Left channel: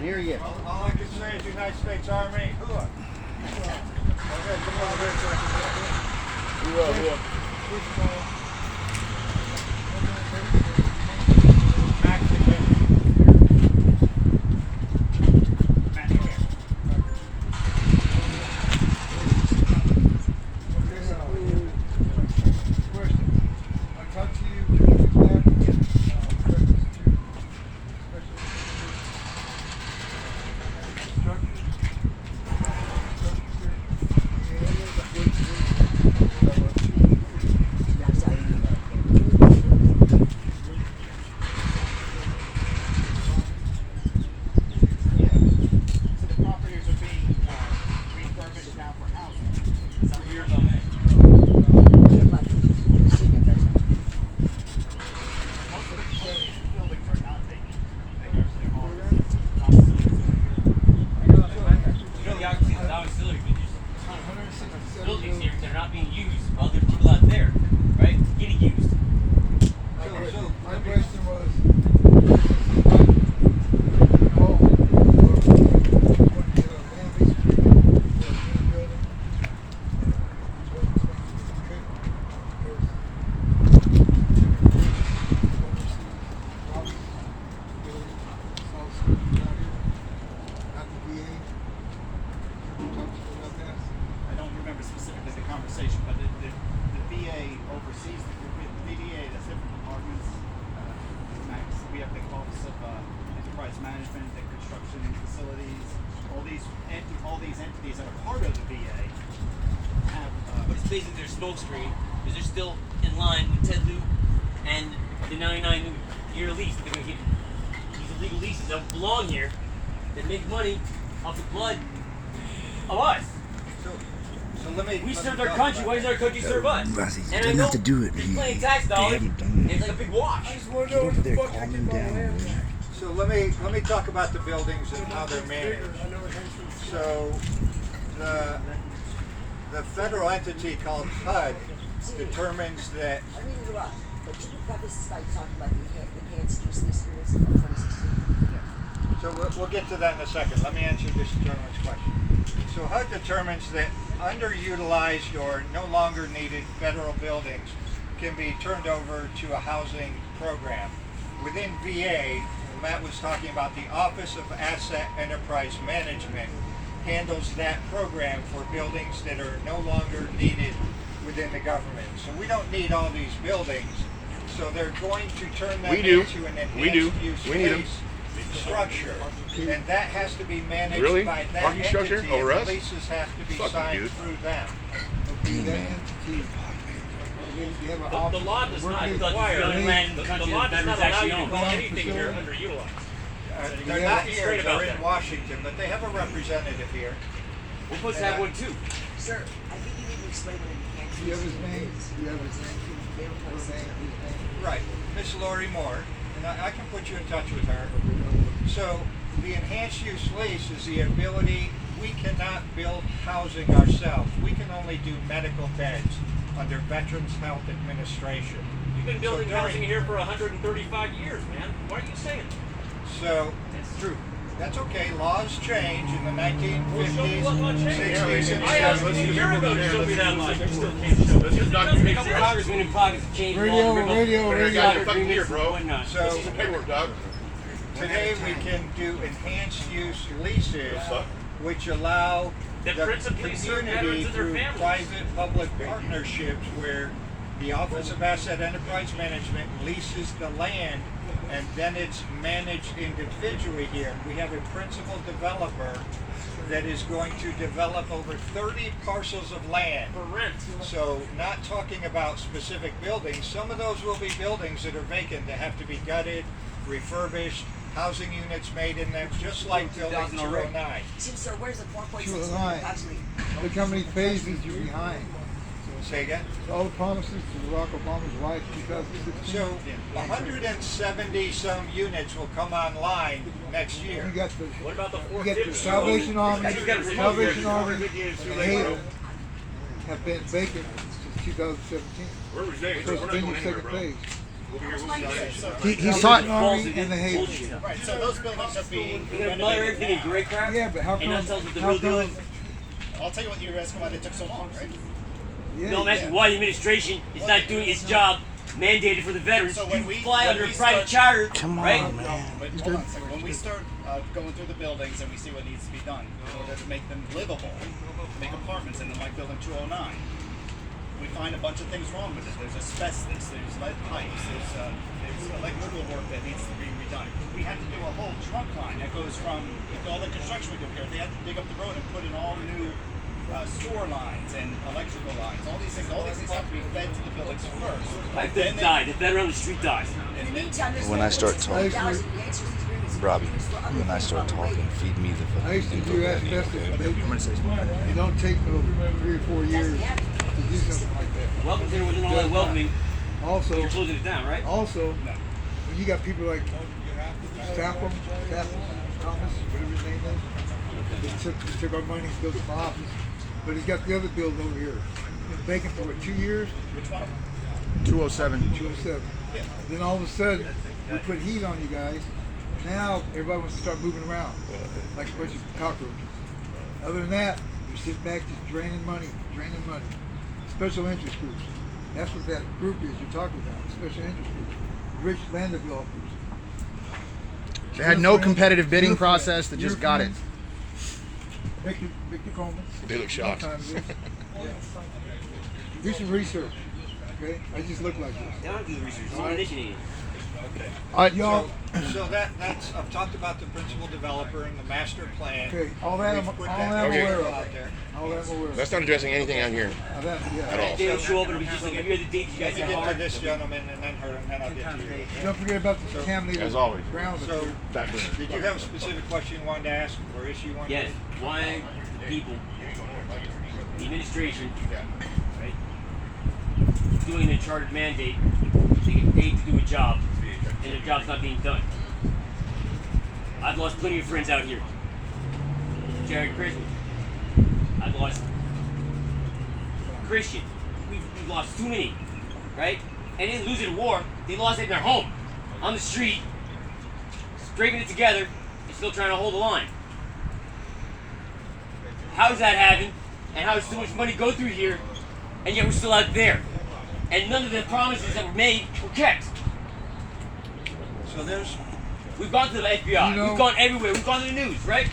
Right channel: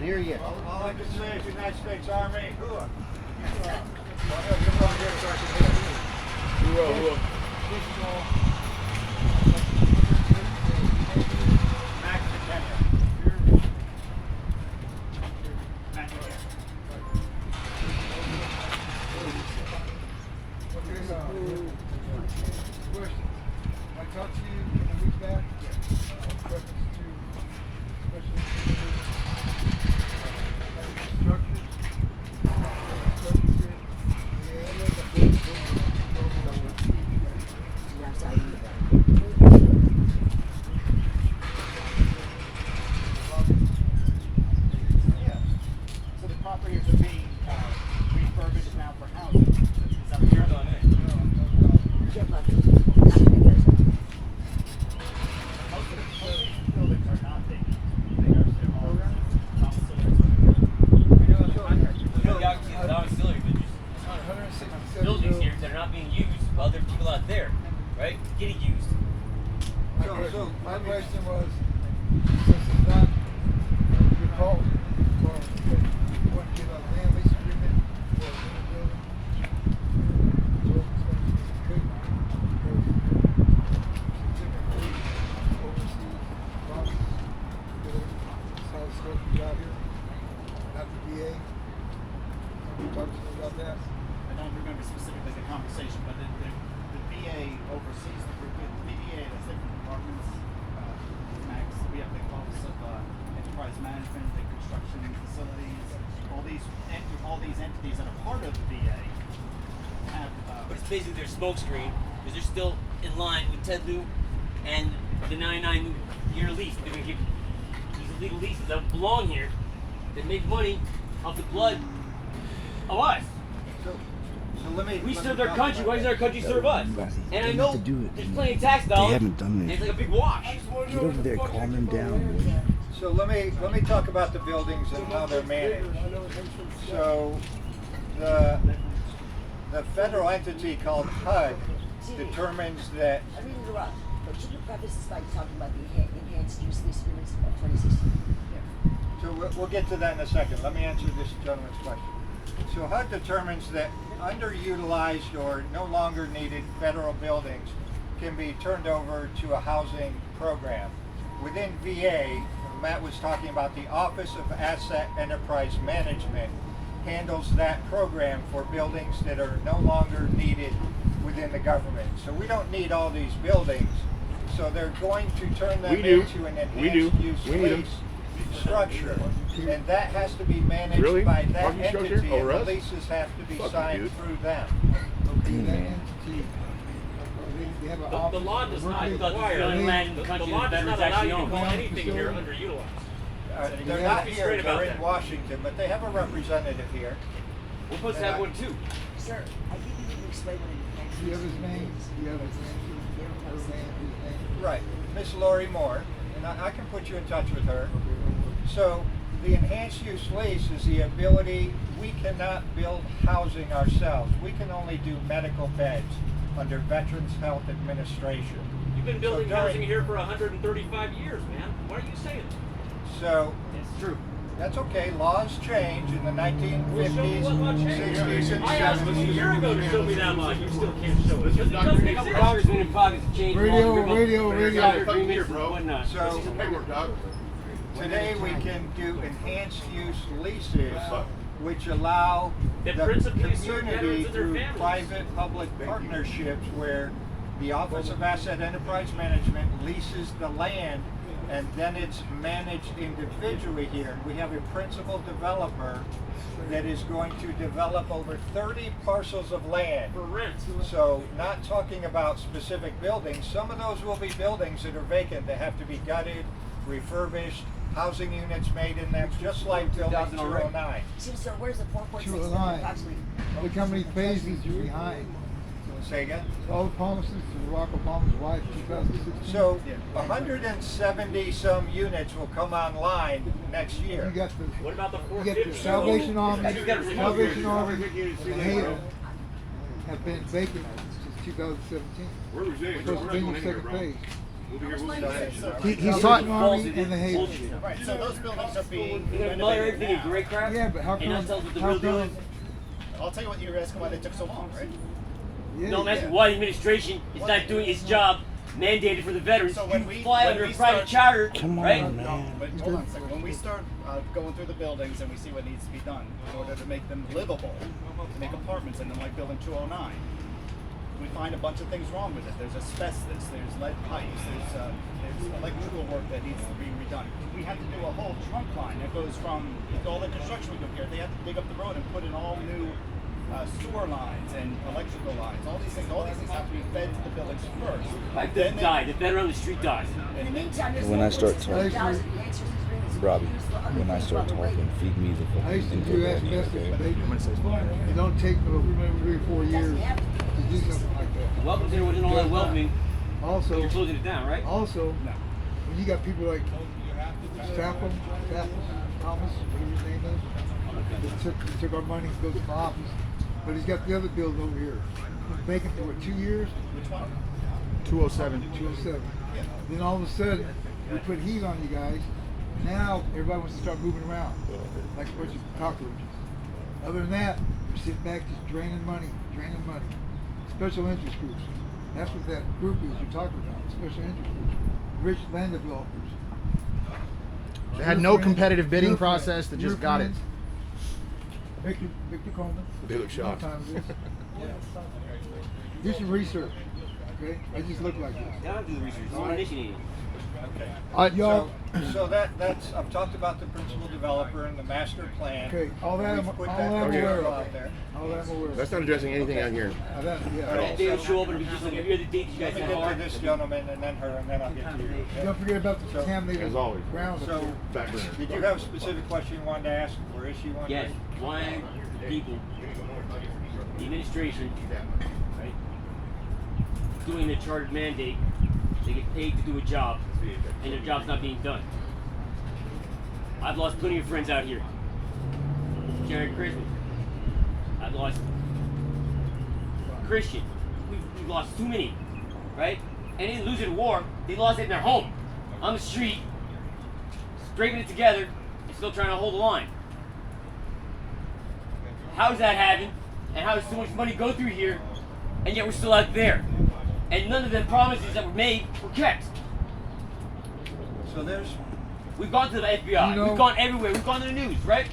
can't hear you. All I can say is United States Army. Hooah. Hooah, hooah. Max attention. Max here. I talked to you back in reference to Yeah. So the properties are being refurbished now for housing. Is that what you're on it? Most of the buildings are not vacant. They're all You know, the auxiliary buildings here that are not being used while there are people out there, right? Getting used. So my question was, since it's not called or what you know, land based treatment for a new building, what it's going to be treatment, because overseas problems, building, all the stuff you got here, not the VA. Can you talk to me about that? I don't remember specifically the conversation, but the VA oversees the VA, that's different departments. We have the Office of Enterprise Management, the construction facilities, all these entities that are part of the VA have. But it's basically their smoke screen because they're still in line with Ted Lieu and the 99-year lease. They're going to get these illegal leases that belong here that make money off the blood of us. So let me. We let serve me our talk country. about Why does our country serve us? He And I doesn't know have to do it. they're He- playing tax they dollars. hadn't done And it. it's like a big wash. Get over there, calm him down, boy. So let me talk about the buildings and how they're managed. So the federal entity called HUD determines that. I really interrupt, but can you preface this by talking about the enhanced use lease agreements of 2016? So we'll get to that in a second. Let me answer this gentleman's question. So HUD determines that underutilized or no longer needed federal buildings can be turned over to a housing program. Within VA, Matt was talking about the Office of Asset Enterprise Management handles that program for buildings that are no longer needed within the government. So we don't need all these buildings. So they're going to turn them We do. into an We do. enhanced use We need 'em. lease structure. And that has to be managed Really? by that Parking structure entity, over and us? the leases have to be Fuck 'em, signed dude. through them. Okay, that entity, they have an The office. law does not working- require, the only land in the the country law that does not veterans allow you actually to call own. anything here underutilized. They're you not have to be here, straight about they're in that. Washington, but they have a representative here. We're supposed to have one too. Sir, I think you need to explain what an enhanced Do you have use his agreement name? is. Do you have his name? They don't Her post it. name, his name? Right, Miss Lori Moore, and I can put you in touch with her. So the enhanced use lease is the ability, we cannot build housing ourselves. We can only do medical beds under Veterans Health Administration. You've been building So during- housing here for 135 years, man. Why are you saying it? So That's true. that's okay, laws change in the Well, show me 1950s, what law changed. 60s, and I asked you a 70s. year ago to show me that law. You still can't show it. Because it doesn't A couple exist. congressmen in pockets have changed Radio, laws, revoked radio, federal radio. agreements Fucking here, and bro. whatnot. So This is the paperwork, dog. today we can do enhanced use leases, suck. which allow That the principally serve community veterans and their through families. private-public partnerships where the Office of Asset Enterprise Management leases the land and then it's managed individually here. We have a principal developer that is going to develop over 30 parcels of land. For rent. So not talking about specific buildings, some of those will be buildings that are vacant that have to be gutted, refurbished, housing units made in them, just like building 209. Tim, sir, where's the 4.6 Two million lines. approximately? Look how many phases you're behind. Say again? All the promises to Barack Obama's wife, 2016. So 170 some units will come online next You year. got the, What about the you get the 450? Salvation Army, I just gotta say- Salvation Army, and the Haven have been vacant since 2017. We're resigning. Supposed We're to be not in going the anywhere, second bro. phase. He's taught. Army and the Haven. Bullshit. Right, so those buildings are being You're gonna mutter renovated everything in now. great crap. Yeah, but how And not come? tell us what the how real deal come- is. I'll tell you what, you're asking why they took so long, right? Yeah, No, I'm asking why the administration is not doing its job mandated for the veterans. So when You we- fly when under we a private start- charter, Come on, right? man. No, but hold on a second. When we start going through the buildings and we see what needs to be done in order to make them livable, to make apartments in them like building 209, we find a bunch of things wrong with it. There's asbestos, there's lead pipes, there's electrical work that needs to be redone. We had to do a whole trunk line that goes from all the construction we do here. They had to dig up the road and put in all new sewer lines and electrical lines. All these things have to be fed to the buildings first. Like Then they they- die, the veteran on the street dies. In the meantime, there's When I start talking, Robbie, when when I start talking, feed me the I used to fucking do info. asbestos. It don't take no 3 or 4 years to do something like that. Welcome Center wasn't all that welcoming. Also, You're closing it down, right? Also, when you got people like Stafford, Thomas, whatever his name is, they took our money, built an office, but he's got the other building over here. Been vacant for what, 2 years? 207. 207. Then all of a sudden, we put heat on you guys. Now everybody wants to start moving around like a bunch of cockroaches. Other than that, you're sitting back just draining money. Special interest groups. That's what that group is you're talking about. Special interest groups. Rich land developers. They had no competitive bidding process. They just got it. Victor Coleman. They look shocked. Sometimes is. Do some research. Okay? I just look like this. They don't have to do the research. Someone initiated it. Y'all, So that's, I've talked about the principal developer and the master plan. okay, all that I'm We've put aware of. out there. All that I'm aware of. That's not addressing anything out here. Yeah. They don't show up, it'll be just like every other date you guys Let me have get to hard. this gentleman and then her, and then I'll get to you. Don't forget about the contaminated As always. ground. So, Back burner. did you have a specific question you wanted to ask or issue you wanted Yes, to? why the people, the administration, right, doing a chartered mandate, they get paid to do a job, and their job's not being done. I've lost plenty of friends out here. Jared Christmas. I've lost Christian. We've lost too many, right? And they didn't lose it in war. They lost it in their home, on the street, scraping it together, and still trying to hold the line. How does that happen? And how does so much money go through here, and yet we're still out there? And none of the promises that were made were kept. So there's, We've gone to the FBI. You know- We've gone everywhere. We've gone to the news, right?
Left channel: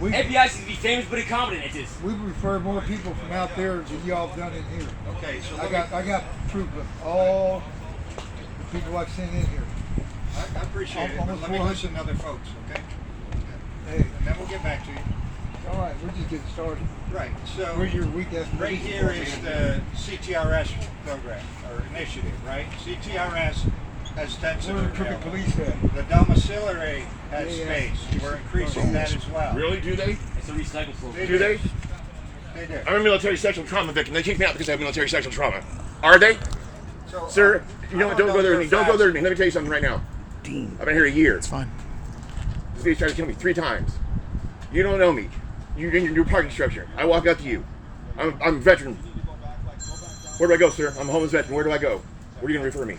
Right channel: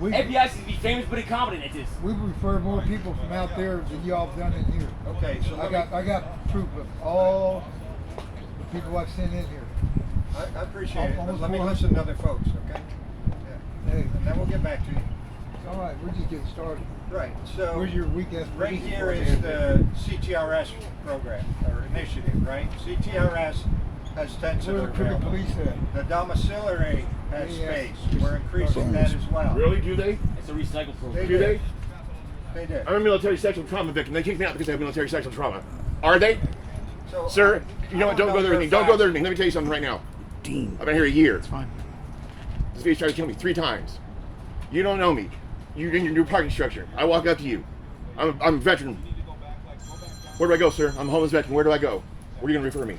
We, FBI seems to be famous but incompetent at this. we refer more people from out there than y'all done in here. okay, so I got proof of all the people I've sent in here. I appreciate it, but Almost let me 400. listen to other folks, okay? Hey, And then we'll get back to you. all right, we're just getting started. Right, so. Where's your weak ass? Right here is the CTRS program, or initiative, right? CTRS has tents Where the that are crooked available. police at? The domiciliary has Yeah, yeah. space. We're increasing that as well. Really? Do they? It's a recycle program. They Do they? They do. I'm a military sexual trauma victim. They kicked me out because I have military sexual trauma. Are they? So, Sir, you know what? Don't go there with me. Don't go there with me. Let me tell you something right now. Dean, I've been here a year. it's fine. This guy's tried to kill me 3 times. You don't know me. You in your parking structure. I walk up to you. I'm a veteran. Where do I go, sir? I'm a homeless veteran. Where do I go? Where are you going to refer me?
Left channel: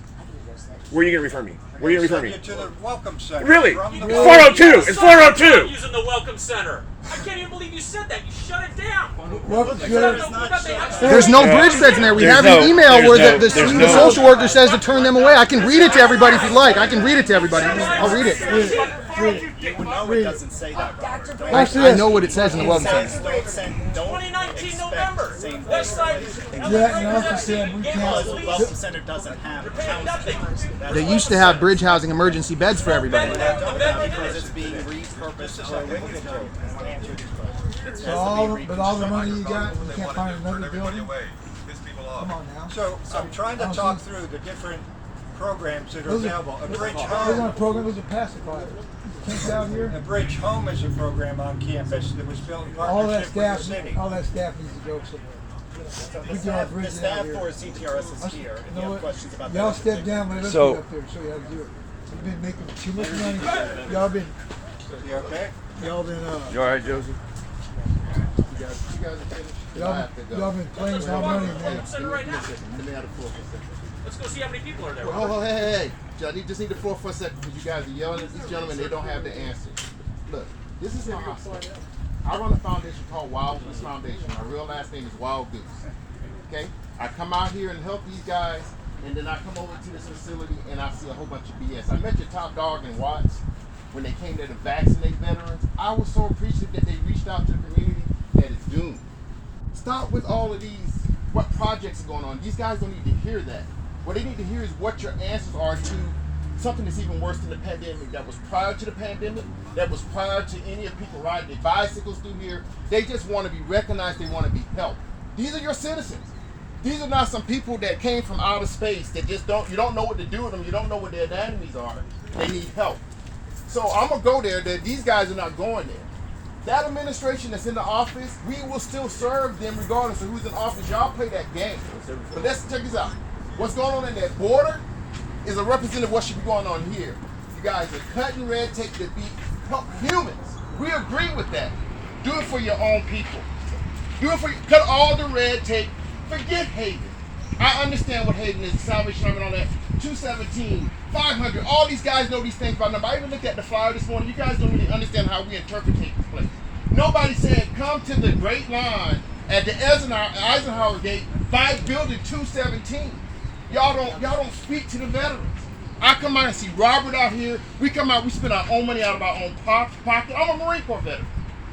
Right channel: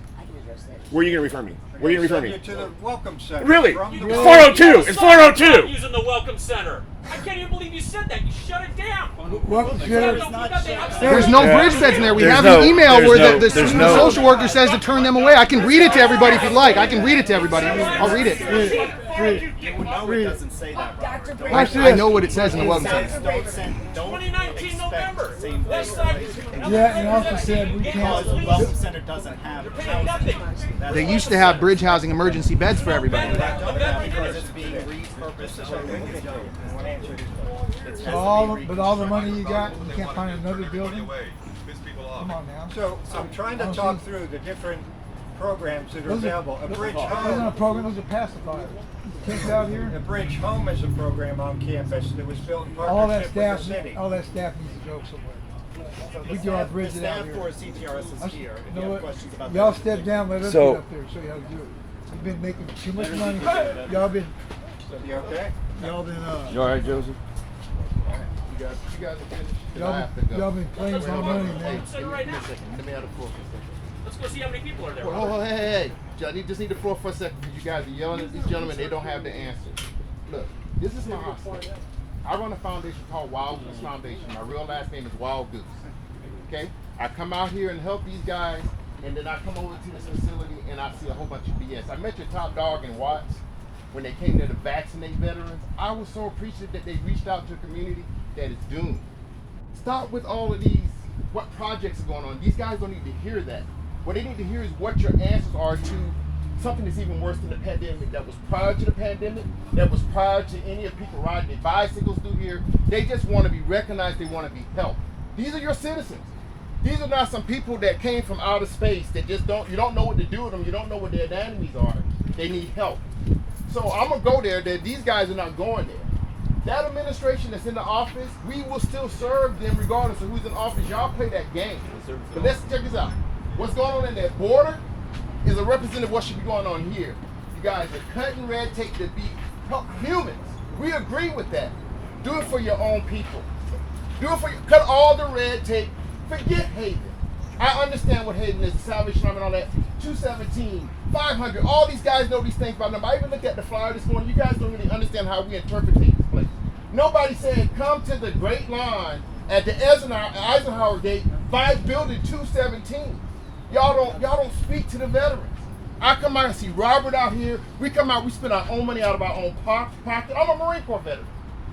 Where are you going to refer me? Where are you going to refer Send me? you to the Welcome Center. Really? From the 402. It's Stop 402. using the Welcome Center. I can't even believe you said that. You shut it down. Welcome, Put sir. up the- There's no bridge beds in there. We There's have no- an email where there's the no- there's no- social worker says to turn them away. I can read it to everybody if you'd like. I can read it to everybody. I'll read it. No, it doesn't say that, Robert. Don't- Watch I this. know what it says in the It welcome says center. don't send, don't 2019 expect November. same West Side. Yeah, and also said we because the can't. Welcome Center doesn't have housing. That's They why. used to have bridge housing emergency beds for everybody. They don't now because it's being repurposed for Wicked Code. It's So all the money you got, you can't find another building. Come on now. So I'm trying to talk through the different programs that are Those are- available. A Bridge Those aren't a Home. program. Those are pacifiers. Kids out A here. Bridge Home is a program on campus that was built in All that partnership with the staff. city. All that staff needs to go somewhere. We do our The bridges out staff here. for CTRS is here. If You you know have what? questions about Y'all that. step down. Let us So- get up there and show you how to do it. We've been making too much money. Y'all been. You okay? Y'all been. You all right, Joseph? Y'all been playing with my money, man. Welcome Center right now. Let's go see how many people are there. Oh, hey. I just need the floor for a second because you guys are yelling at these gentlemen. They don't have the answers. Look, this is my hospital. I run a foundation called Wild Goose Foundation. My real last name is Wild Goose. Okay? I come out here and help these guys, and then I come over to this facility and I see a whole bunch of BS. I met your top dog in Watts when they came there to vaccinate veterans. I was so appreciative that they reached out to the community that it's doomed. Stop with all of these, what projects are going on. These guys don't need to hear that. What they need to hear is what your answers are to something that's even worse than the pandemic, that was prior to the pandemic, that was prior to any of the people riding their bicycles through here. They just want to be recognized, they want to be helped. These are your citizens. These are not some people that came from outer space that just you don't know what to do with them, you don't know what their anatomies are. They need help. So I'm gonna go there, these guys are not going there. That administration that's in the office, we will still serve them regardless of who's in office. Y'all play that game. But let's check this out. What's going on in that border is a representative of what should be going on here. You guys are cutting red tape to help humans. We agree with that. Do it for your own people. Cut all the red tape. Forget Hayden. I understand what Hayden is, the Salvation Army and all that. 217, 500, all these guys know these things by number. I even looked at the flyer this morning. You guys don't really understand how we interpret this place. Nobody's saying come to the Great Line at the Eisenhower Gate by building 217. Y'all don't speak to the veterans. I come out and see Robert out here. We come out, we spend our own money out of our own pocket. I'm a Marine Corps veteran.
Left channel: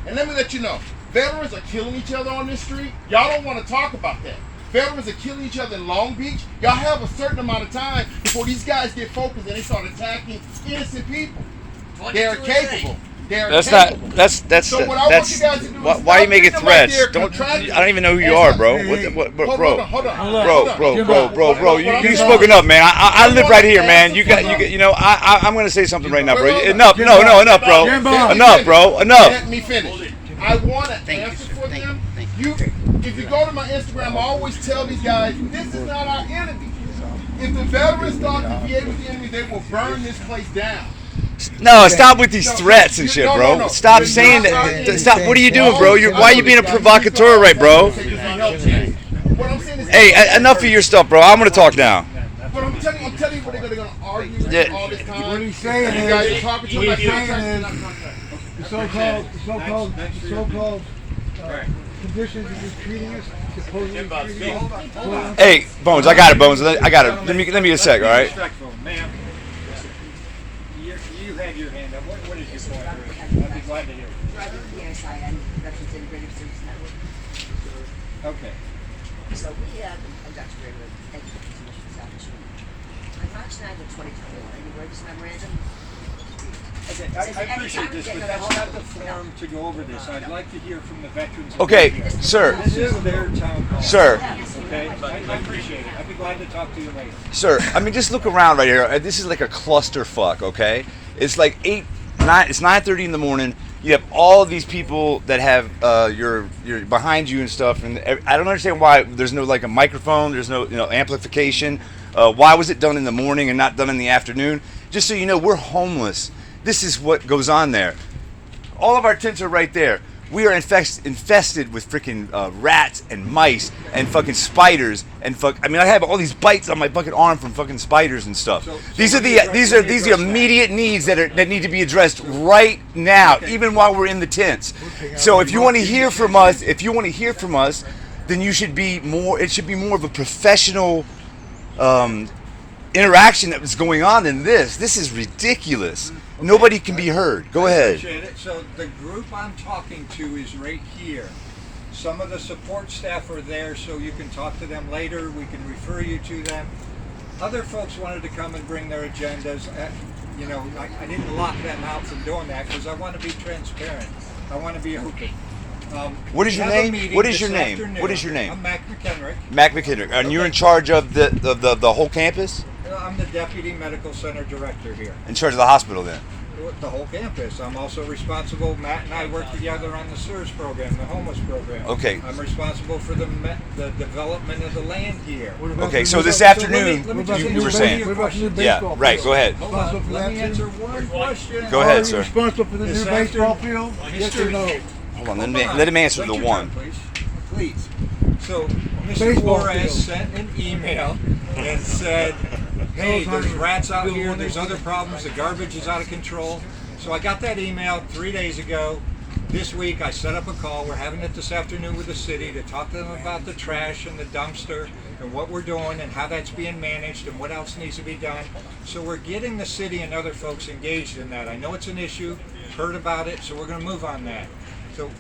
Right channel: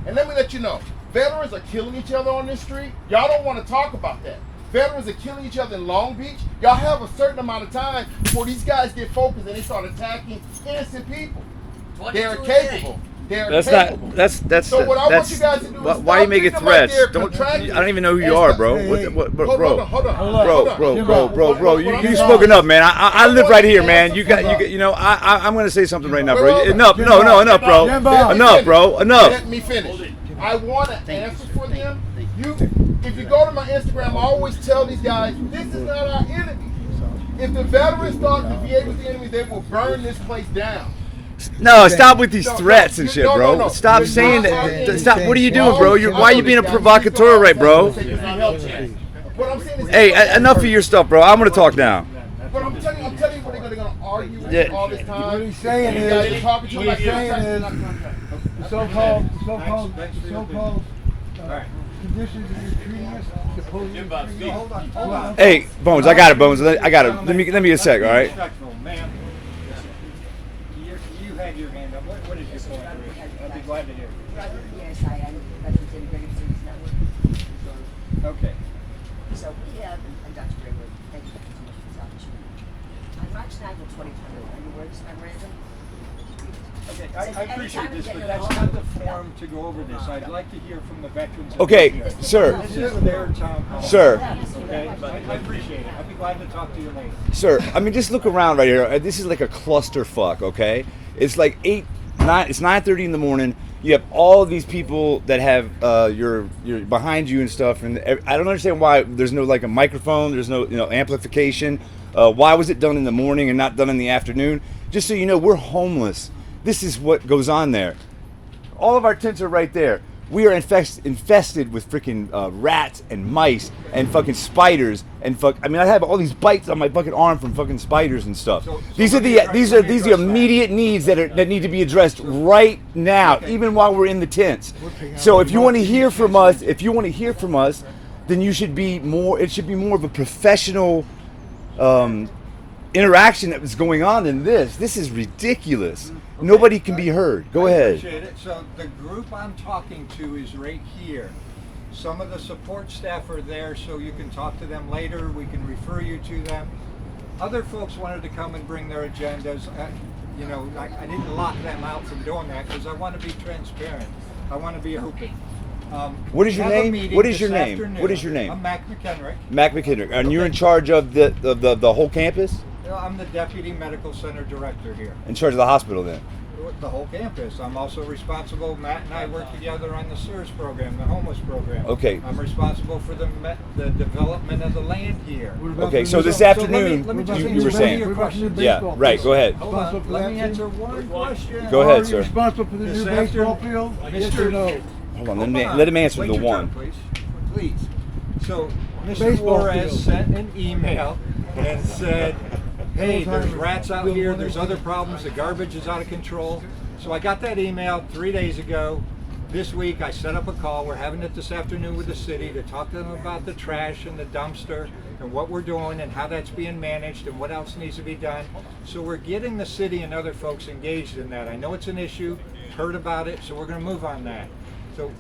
And let me let you know, veterans are killing each other on this street. Y'all don't want to talk about that. Veterans are killing each other in Long Beach. Y'all have a certain amount of time before these guys get focused and they start attacking innocent people. They're capable. That's So what I want you guys to do is why you making stop thinking threats? like they're I don't even know who you are, bro. Hold on. Bro. You spoken up, man. I live right here, man. I'm gonna say something right now, bro. Enough, bro. Enough, bro. Enough. Let me finish. I want to answer for them. If you go to my Instagram, I always tell these guys, this is not our enemy. If the veterans thought the VA was the enemy, they will burn this place down. No, stop with these threats and shit, bro. No. Stop saying that. Stop. What are you doing, bro? Why are you being a provocateur, right, bro? What I'm saying is, Hey, enough of your stuff, bro. I'm gonna talk now. but I'm telling you what they're gonna argue all this time. What he's saying You is, guys are talking to what me he's saying is, the so-called conditions that you're treating us, supposedly treating us. Hey, Bones, I got it, Bones. I got it. Let me a sec, all right? Respectful, ma'am. You had your hand up. What is your point? I'd be glad to hear. Yes, I am representing Greater Cities Network. Okay. So we have, and Dr. Greenwood, thank you so much for this opportunity. On March 9th of 2021, you read this memorandum? Okay, I appreciate this, but that's not the forum to go over this. I'd like to hear from the veterans. Okay, sir. This is their town hall. Sir. Okay, I appreciate it. I'd be glad to talk to you later. Sir, I mean, just look around right here. This is like a clusterfuck, okay? It's like 9:30 in the morning. You have all of these people that have your behind you and stuff, and I don't understand why there's no like a microphone. There's no amplification. Why was it done in the morning and not done in the afternoon? Just so you know, we're homeless. This is what goes on there. All of our tents are right there. We are infested with freaking rats and mice and fucking spiders and I mean, I have all these bites on my fucking arm from fucking spiders and stuff. These are the immediate needs that need to be addressed right now, even while we're in the tents. So if you want to hear from us, then you should be more. It should be more of a professional interaction that was going on in this. This is ridiculous. Okay. Nobody can be heard. Go ahead. I appreciate it. So the group I'm talking to is right here. Some of the support staff are there, so you can talk to them later. We can refer you to them. Other folks wanted to come and bring their agendas. I didn't lock them out from doing that because I want to be transparent. I want to be open. What is your name? What is your name? What is your name? I'm Mac McHenrick. Mac McHenrick. And you're in charge of the whole campus? I'm the Deputy Medical Center Director here. In charge of the hospital then? The whole campus. I'm also responsible, Matt and I work together on the SERS program, the homeless program. Okay. I'm responsible for the development of the land here. Okay, so this afternoon, let me you were saying. Yeah, right, go ahead. Hold on, let me answer one question. Go ahead, Are you sir. responsible for the new baseball field? Yes or no? Hold on, let him answer the one. Please. So, Mr. Baseball Juarez field. sent an email and said, hey, there's Alzheimer's. rats out Bill here, Withers. there's other problems, the garbage is out of control. So I got that email 3 days ago. This week I set up a call. We're having it this afternoon with the city to talk to them about the trash and the dumpster and what we're doing and how that's being managed and what else needs to be done. So we're getting the city and other folks engaged in that. I know it's an issue, heard about it, so we're going to move on that. So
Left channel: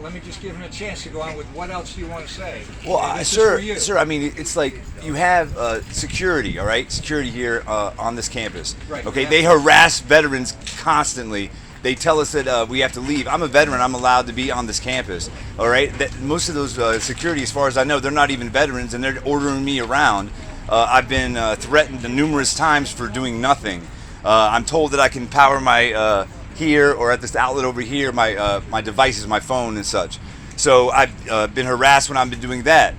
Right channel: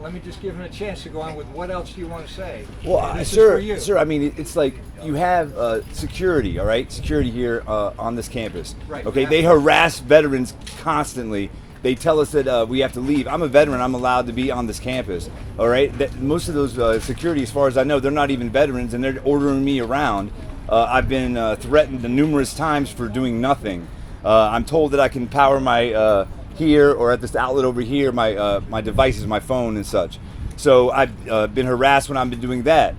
let me just give him a chance to go on with what else do you want to say. Well, This is for you. sir. I mean, it's like you have security, all right? Security here on this campus. Right. Okay, Yeah. they harass veterans constantly. They tell us that we have to leave. I'm a veteran. I'm allowed to be on this campus. All right. That most of those security, as far as I know, they're not even veterans, and they're ordering me around. I've been threatened numerous times for doing nothing. I'm told that I can power my here or at this outlet over here my devices, my phone and such. So I've been harassed when I've been doing that.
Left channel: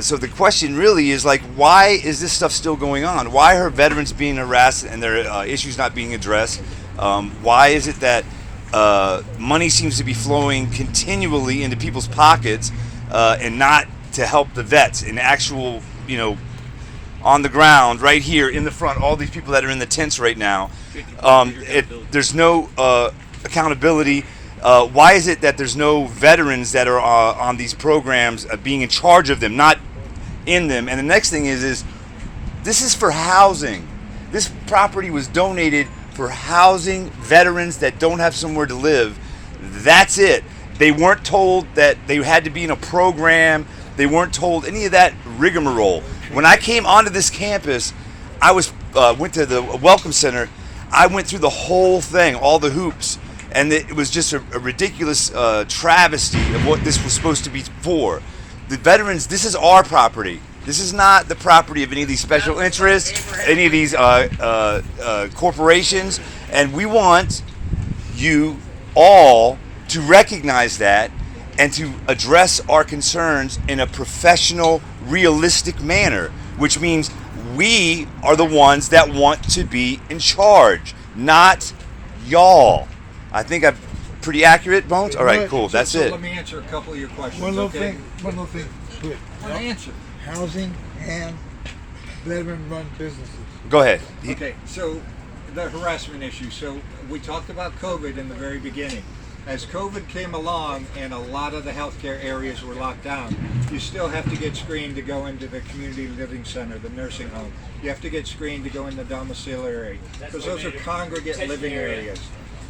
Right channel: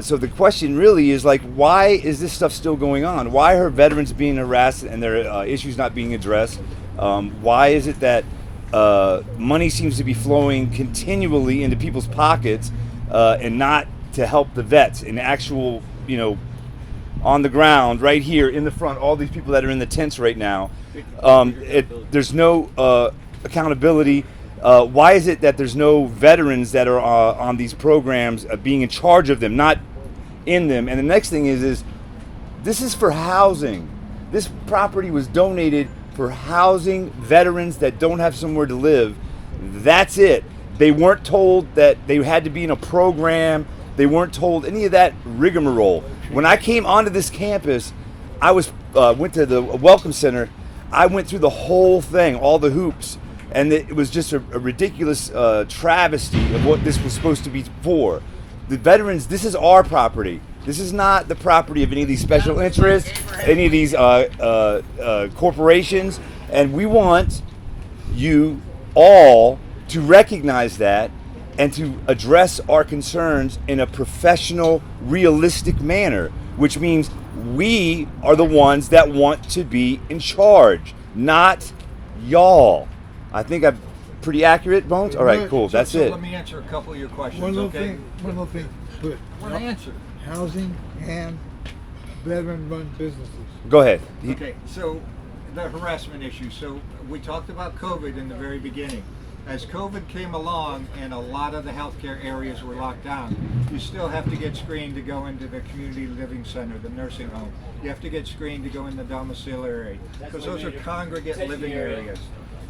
So the question really is like, why is this stuff still going on? Why are veterans being harassed and their issues not being addressed? Why is it that money seems to be flowing continually into people's pockets and not to help the vets in actual, on the ground right here in the front, all these people that are in the tents right now, there's no accountability. Why is it that there's no veterans that are on these programs being in charge of them, not in them? And the next thing is this is for housing. This property was donated for housing veterans that don't have somewhere to live. That's it. They weren't told that they had to be in a program. They weren't told any of that rigmarole. When I came onto this campus, I went to the Welcome Center. I went through the whole thing, all the hoops, and it was just a ridiculous travesty of what this was supposed to be for. The veterans, this is our property. This is not the property of any of these special interests, any of these corporations, and we want you all to recognize that and to address our concerns in a professional, realistic manner, which means we are the ones that want to be in charge, not y'all. I think I'm pretty accurate, Bones? All right, cool. That's so it. Let me answer a couple of your questions. One little okay? thing. Good. I want to answer. Housing and veteran-run businesses. Go ahead. Okay, so the harassment issue. So we talked about COVID in the very beginning. As COVID came along and a lot of the healthcare areas were locked down, you still have to get screened to go into the community living center, the nursing home. You have to get screened to go in the domiciliary because those are congregate living areas.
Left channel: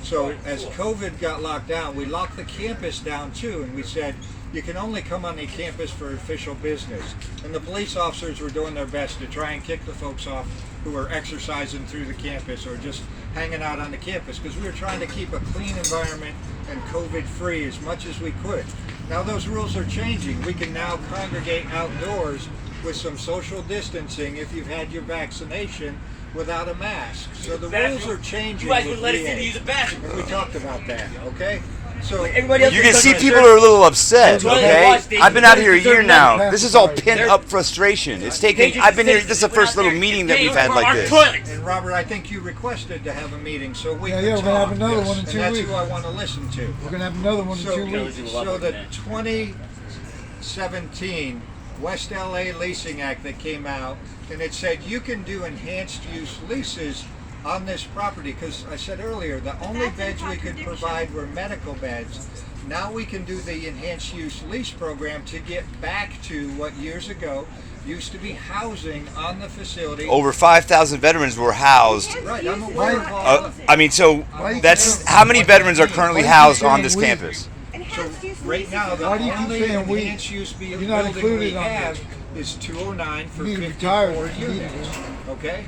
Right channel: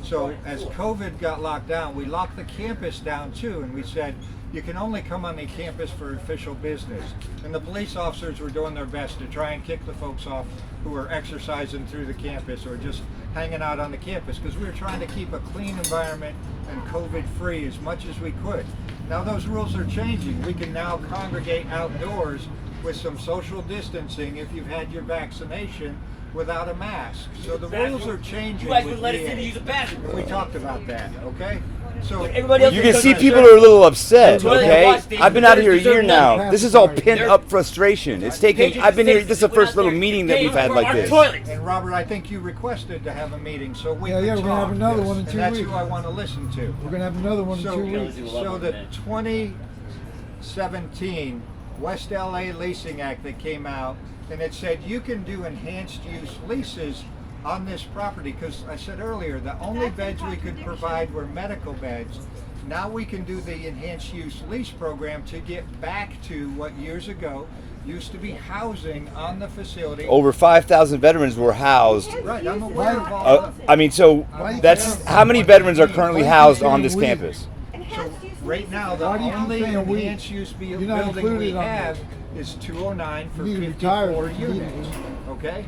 So as COVID got locked down, we locked the campus down too, and we said, you can only come on the campus for official business. And the police officers were doing their best to try and kick the folks off who were exercising through the campus or just hanging out on the campus because we were trying to keep a clean environment and COVID-free as much as we could. Now those rules are changing. We can now congregate outdoors with some social distancing if you've had your vaccination without a mask. So the rules are changing. You guys with would let us VA. in to use a bathroom. We talked about that, okay? So Everybody else You was can see done people their are a little upset, Well, okay? watch these. I've been out here a year There's now. no This is all path. pent up frustration. It's taken, I've been here, this is the first little meeting that we've had like this. Toilets. And Robert, I think you requested to have a meeting, so we Yeah, can we're gonna have talk. another one in And 2 that's weeks. who I want to listen to. We're gonna have another one in So, 2 weeks. so the 2017 West LA Leasing Act that came out, and it said you can do enhanced use leases on this property, because I said earlier, the only beds we could provide were medical beds. Now we can do the enhanced use lease program to get back to what years ago used to be housing on the facility. Over 5,000 veterans were housed. Right, I'm aware of all I mean, so that's, how many veterans are currently housed on this campus? So right now, the Why do you keep only saying we? enhanced use You're not building we included on have is 209 for You need to retire 54 immediately. units. Okay?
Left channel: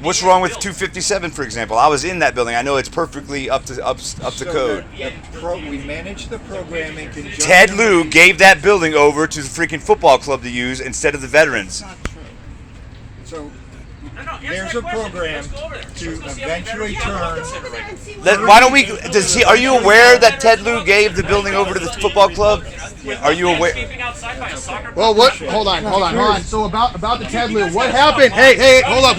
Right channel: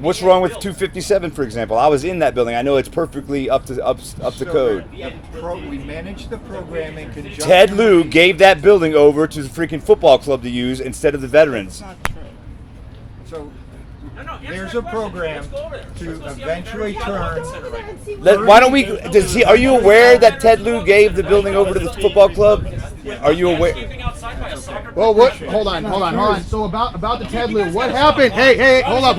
What's wrong with 257, for example? I was in that building. I know it's perfectly up to code. We manage the program in conjunction. Ted Lieu gave that building over to the freaking football club to use instead of the veterans. So No, answer there's my a question. program Let's go over there. to Let's see eventually how many turn. veterans you have. Why don't we? Are you aware that Ted Lieu gave the building over to the football club? Are you aware? Landscaping outside by a soccer Well, what? Hold on. So about the Ted Lieu, what happened? Hey, hold up.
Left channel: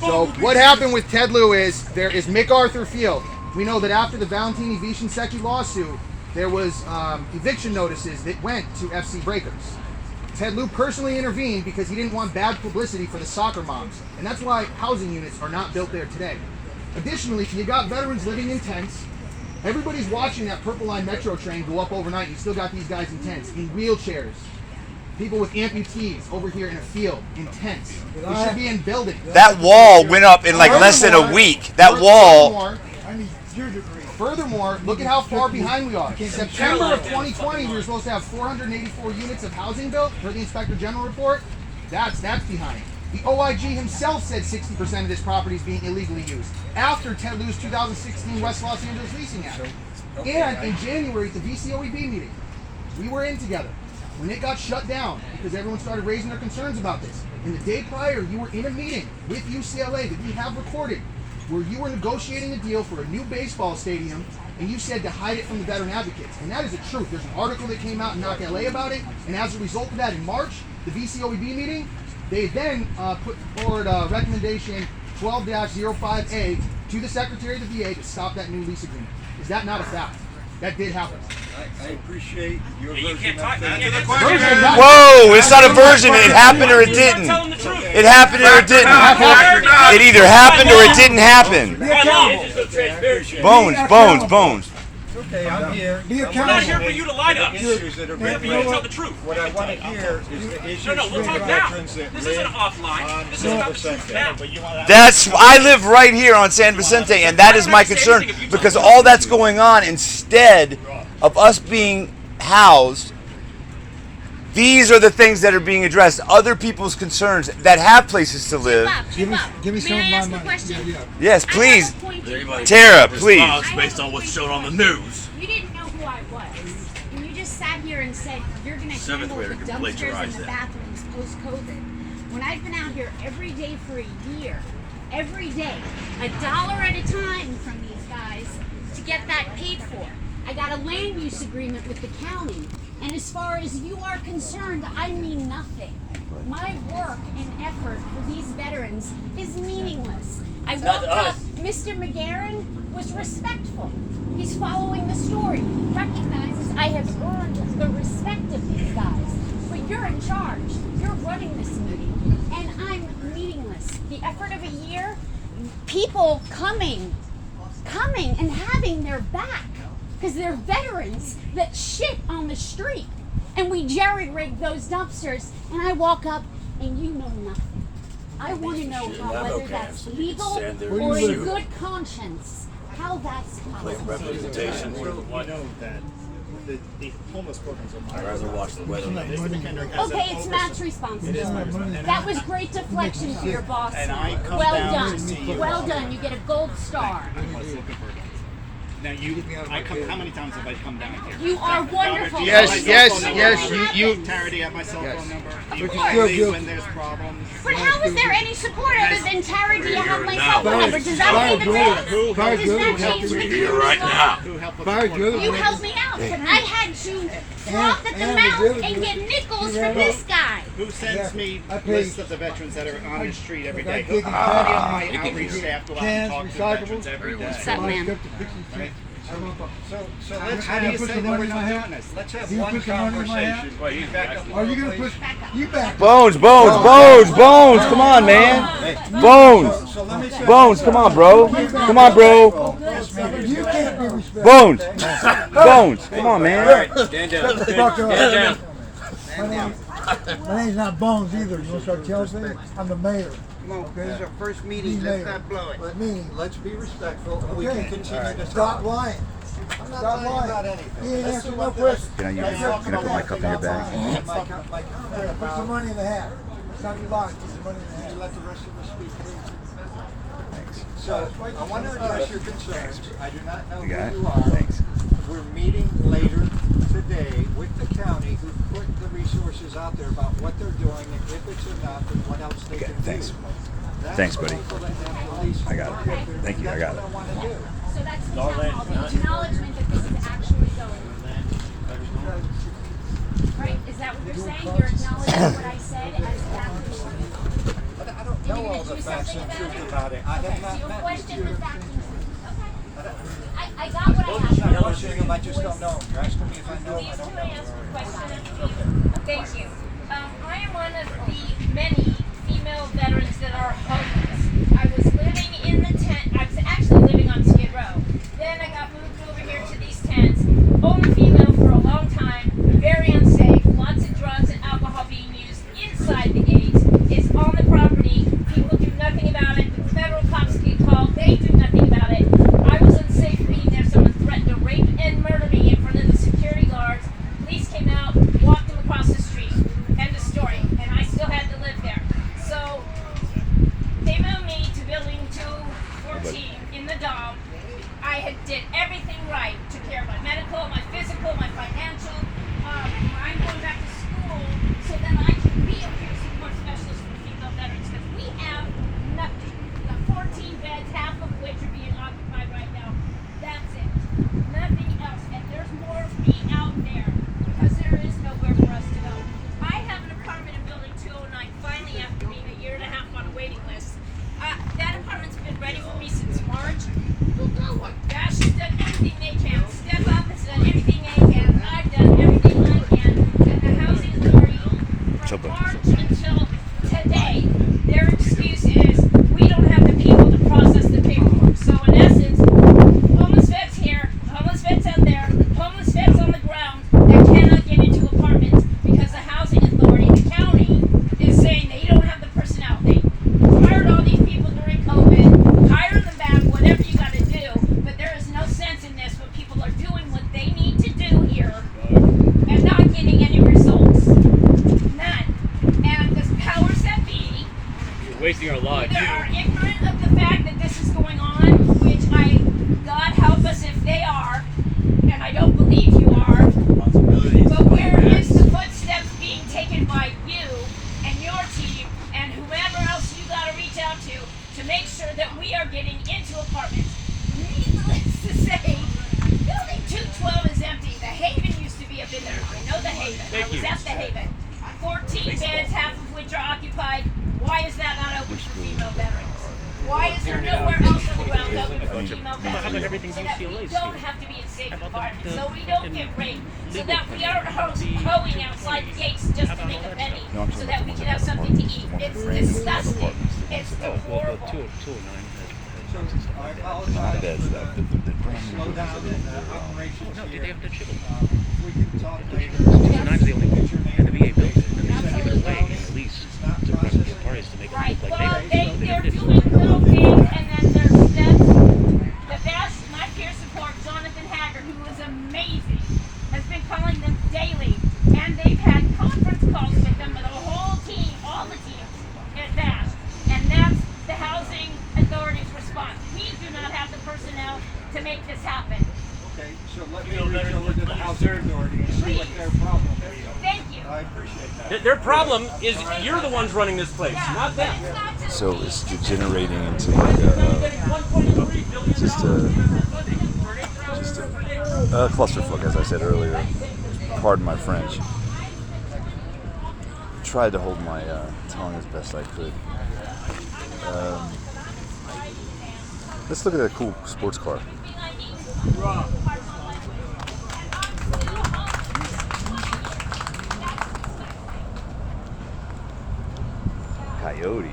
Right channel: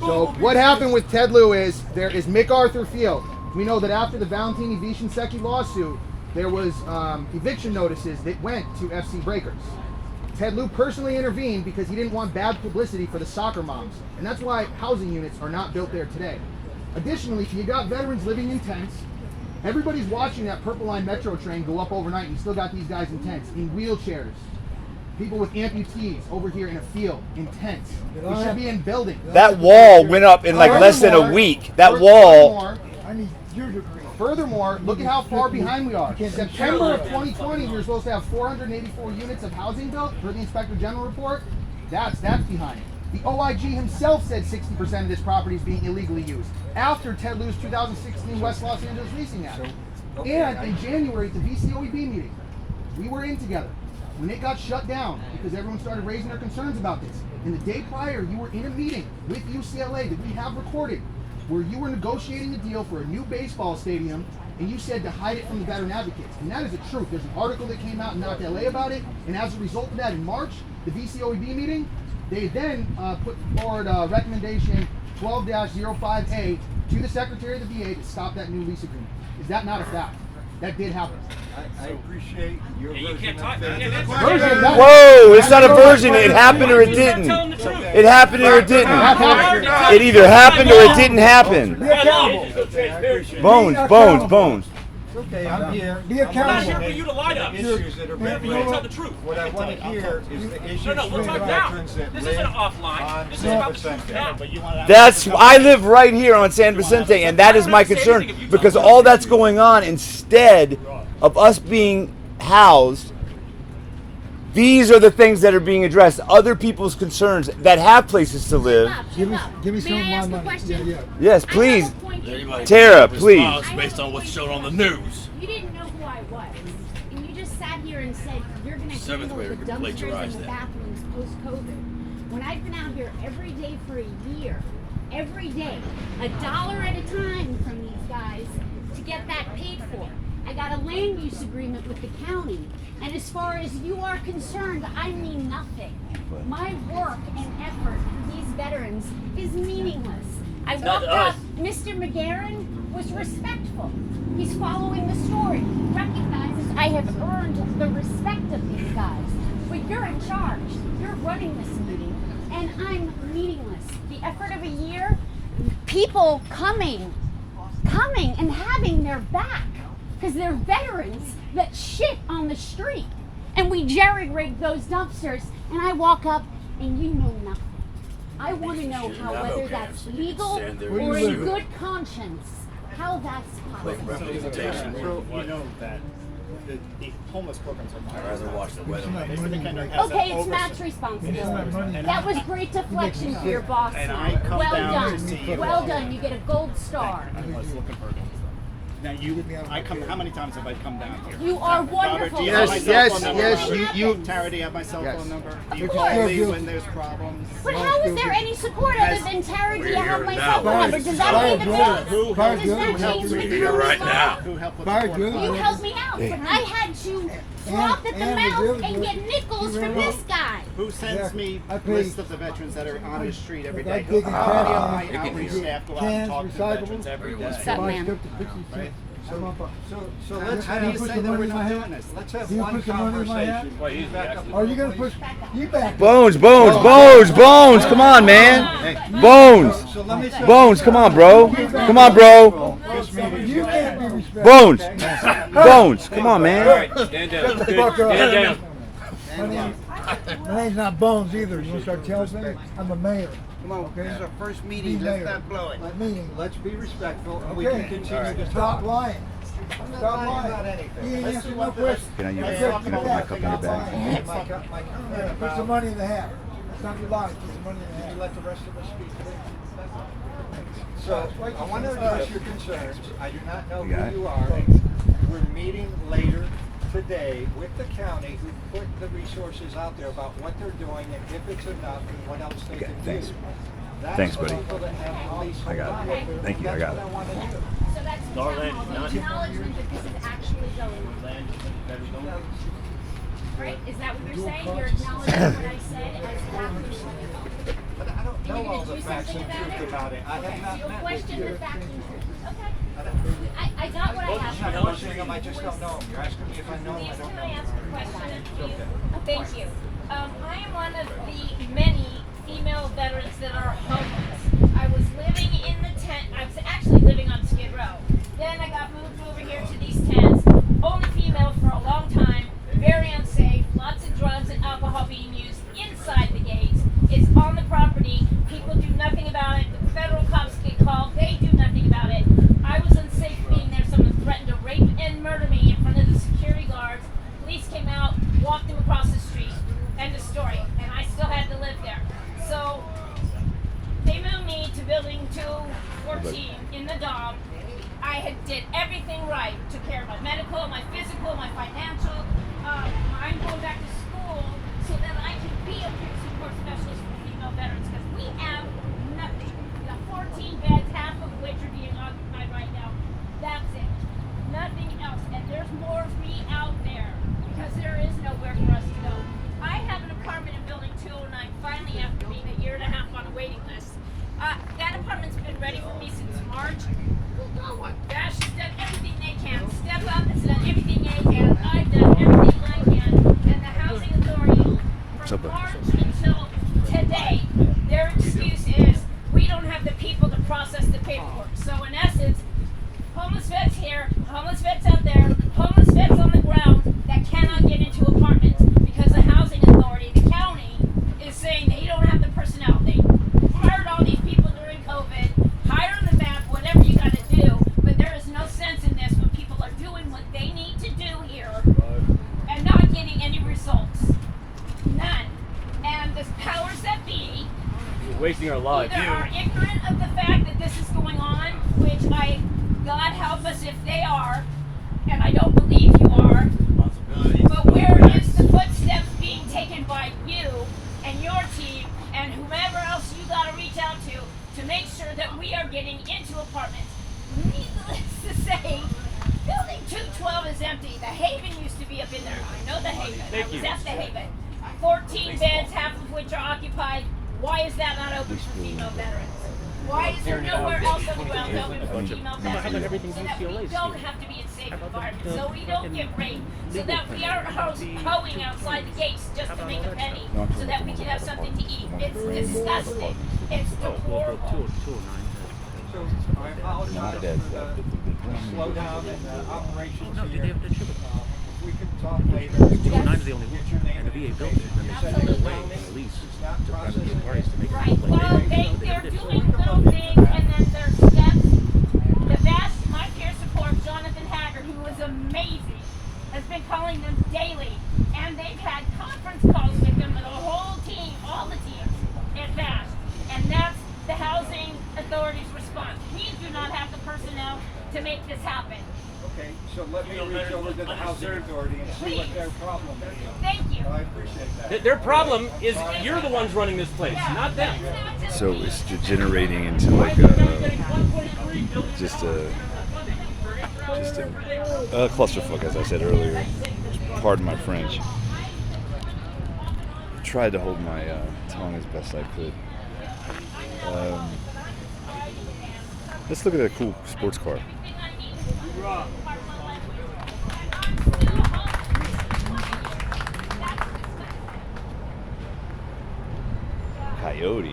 So what happened with Ted Lieu is there is MacArthur Field. We know that after the Valentini Vicensecchi lawsuit, there was eviction notices that went to FC Breakers. Ted Lieu personally intervened because he didn't want bad publicity for the soccer moms. And that's why housing units are not built there today. Additionally, you got veterans living in tents. Everybody's watching that Purple Line Metro train go up overnight. You still got these guys in tents, in wheelchairs. People with amputees over here in a field, in tents. We should be in buildings. That wall went up in like less than a week. That wall. I need your degree. Furthermore, look at how far behind we are. September of 2020, we were supposed to have 484 units of housing built per the Inspector General report. That's behind. The OIG himself said 60% of this property is being illegally used after Ted Lieu's 2016 West Los Angeles Leasing Act. And in January at the VCOEB meeting, we were in together when it got shut down because everyone started raising their concerns about this. And the day prior, you were in a meeting with UCLA that we have recorded where you were negotiating a deal for a new baseball stadium, and you said to hide it from the veteran advocates. And that is the truth. There's an article that came out in Knock LA about it, and as a result of that, in March, the VCOEB meeting, they then put forward recommendation 12-05A to the Secretary of the VA to stop that new lease agreement. Is that not a fact? That did happen. I appreciate your You version can't of talk. things. Whoa, it's not a version. It happened or it didn't. It happened or it didn't. It either happened or it didn't happen. Bones. Okay, I'm here. Be I'm accountable. I'm not here for you to lie to us. Issues that are being You tell raised. the truth. What I want to hear is the issues No, we'll from talk the now. veterans that This live isn't offline. on This is about the San truth Vicente. now. That's I live right here on San Vicente, and that is my concern because all that's going on instead of us being housed. These are the things that are being addressed. Other people's concerns that have places to live. Give me some of May I my ask a money. question? Yeah. Yes, I please. have a point to Anybody- make. Tara, please. Based on what's shown on the news. You didn't know who I was. And you just sat here and said you're going to Seventh handle grader the can dumpsters plagiarize and the that. bathrooms post-COVID. When I've been out here every day for a year, every day, $1 at a time from these guys to get that paid for. I got a land use agreement with the county. And as far as you are concerned, I mean nothing. My work and effort for these veterans is meaningless. I not walked us. up, Mr. McGarren was respectful. He's following the story. He recognizes I have earned the respect of these guys. But you're in charge. You're running this meeting. And I'm meaningless. The effort of a year, people coming and having their back. Because they're veterans that shit on the street. And we jerry-rig those dumpsters, and I walk up, and you know nothing. I want to know how, whether that's legal or in good conscience, how that's possible. So you know that the homeless programs are my Mr. McHenry has Okay, an it's oversight. Matt's responsibility. That was great deflection for your boss. And I come Well down to see done. you. Well done. You get a gold star. I was looking for Now I come. How many times have I come down here? You are wonderful. Do you have my Yes, cell phone yes, number? you- Tara, do you have my cell phone number? Do you Of call course. me when there's problems? But how is there any support other than Tara? Do you have my cell phone number? Does that mean the Who Does helped that you change with you? right now? Who helped with Barry, the you're the You one- helped me out, but I had to drop at the and the mouth really and good- get nickels you from know, this guy. Who sends Yeah, me I pay- lists of the veterans that are on the street every day? I dig in How many of cans, my outreach staff go out and cans, talk to recyclables. veterans every day? Set man. So let's How do you put say the that we're money in my not hand? doing this? let's have Do you one put the money in my hand? conversation. Back up. Are you gonna push? You back. Bones. Come on, man. Bones. So let me say Bones, come on, bro. Come on, bro. You can't be respected. Bones. Come on, man. Stand down. Fuck up. Stand down. My name's not Bones either. You want to start telling me? I'm the mayor. Come on, Okay. this is our first Be meeting. mayor. Let's not blow it. Meeting. Let's be respectful, and we can Okay. continue to Stop talk. lying. I'm not Stop lying lying. about You anything. ain't Let's answering do no what the- questions. Can I use let's it? talk Can I put my about cup in your bag? my comment Put some about- money in the hat. It's not your body. Put some money in the hat. You let the rest of us speak, please. So, I want to address your concerns. I do not know You got it? who you are. Thanks. We're meeting later today with the county who put the resources out there about what they're doing and if it's enough and what else they Okay, can thanks. do. That's Thanks, the buddy. people that make the least I got it. money. Thank you, I got it. That's what I want to do. So that's the town hall, the acknowledgement that this is actually going on. Right? Is that what you're saying? You're acknowledging what I said as the applicant? But I don't know all the facts and truth about it. I have Okay, so not you'll met with question your... the facts and truth. Okay. I got what I I'm have. not questioning them, I just don't know them. You're asking me if I know them, I Please don't do know answer them. the question. Thank you. I am one of the many female veterans that are homeless. I was living in the tent. I was actually living on Skid Row. Then I got moved over here to these tents. Only female for a long time. Very unsafe. Lots of drugs and alcohol being used inside the gates. It's on the property. People do nothing about it. The federal cops get called. They do nothing about it. I was unsafe being there. Someone threatened to rape and murder me in front of the security guards. Police came out, walked them across the street. End of story. And I still had to live there. So they moved me to building 214 in the Dom. I had did everything right. Took care of my medical, my physical, my financial. I'm going back to school so that I can be a peer support specialist for female veterans because we have nothing. We have 14 beds, half of which are being occupied right now. That's it. Nothing else. And there's more of me out there because there is nowhere for us to go. I have an apartment in building 209 finally after being a year and a half on a waiting list. That apartment's been ready for me since March. Gosh, has done everything they can. Step Up has done everything they can. I've done everything I can. And the Housing Authority, from March until today, their excuse is we don't have the people to process the paperwork. So in essence, homeless vets here, homeless vets out there, homeless vets on the ground that cannot get into apartments because the Housing Authority, the county, is saying they don't have the personnel. They hired all these people during COVID, hire them back, whatever you got to do, but there is no sense in this when people are doing what they need to do here and not getting any results. None. And the powers that be You're wasting our lives. either are ignorant of the fact that this is going on, which God help us if they are, and I don't believe you are, but where is the footsteps being taken by you and your team and whoever else you got to reach out to make sure that we are getting into apartments? Needless to say, building 212 is empty. The Haven used to be up in there. I know the Haven. I was at the Haven. 14 beds, half of which are occupied. Why is that not open for female veterans? Why is there nowhere else on the ground open for female veterans? So that we don't have to be in safe environments, so we don't get raped, so that we aren't hoeing outside the gates just to make a penny, so that we can have something to eat. It's disgusting. It's horrible. So I apologize. Not beds, the brand new Slow buildings down that the are operations No, here. they have the triple. We can talk later. 209 is the only one, and the VA built it, and they just give it away in a lease to private parties to make it Right. look like Well, they they're did this. doing little things, and then their steps. The best, my peer support, Jonathan Hager, who was amazing, has been calling them daily, and they've had conference calls with them, with the whole team, all the teams at VASH, and that's the Housing Authority's response. We do not have the personnel to make this happen. Okay, so let me reach over to the Housing Authority and see what their problem is. Thank you. I appreciate that. Their problem is you're the ones running this place, not them. It's not just So me. it's degenerating into like just a clusterfuck, as I said earlier. Pardon my French. Tried to hold my tongue as best I could. Let's look at a cool sports car. Coyote.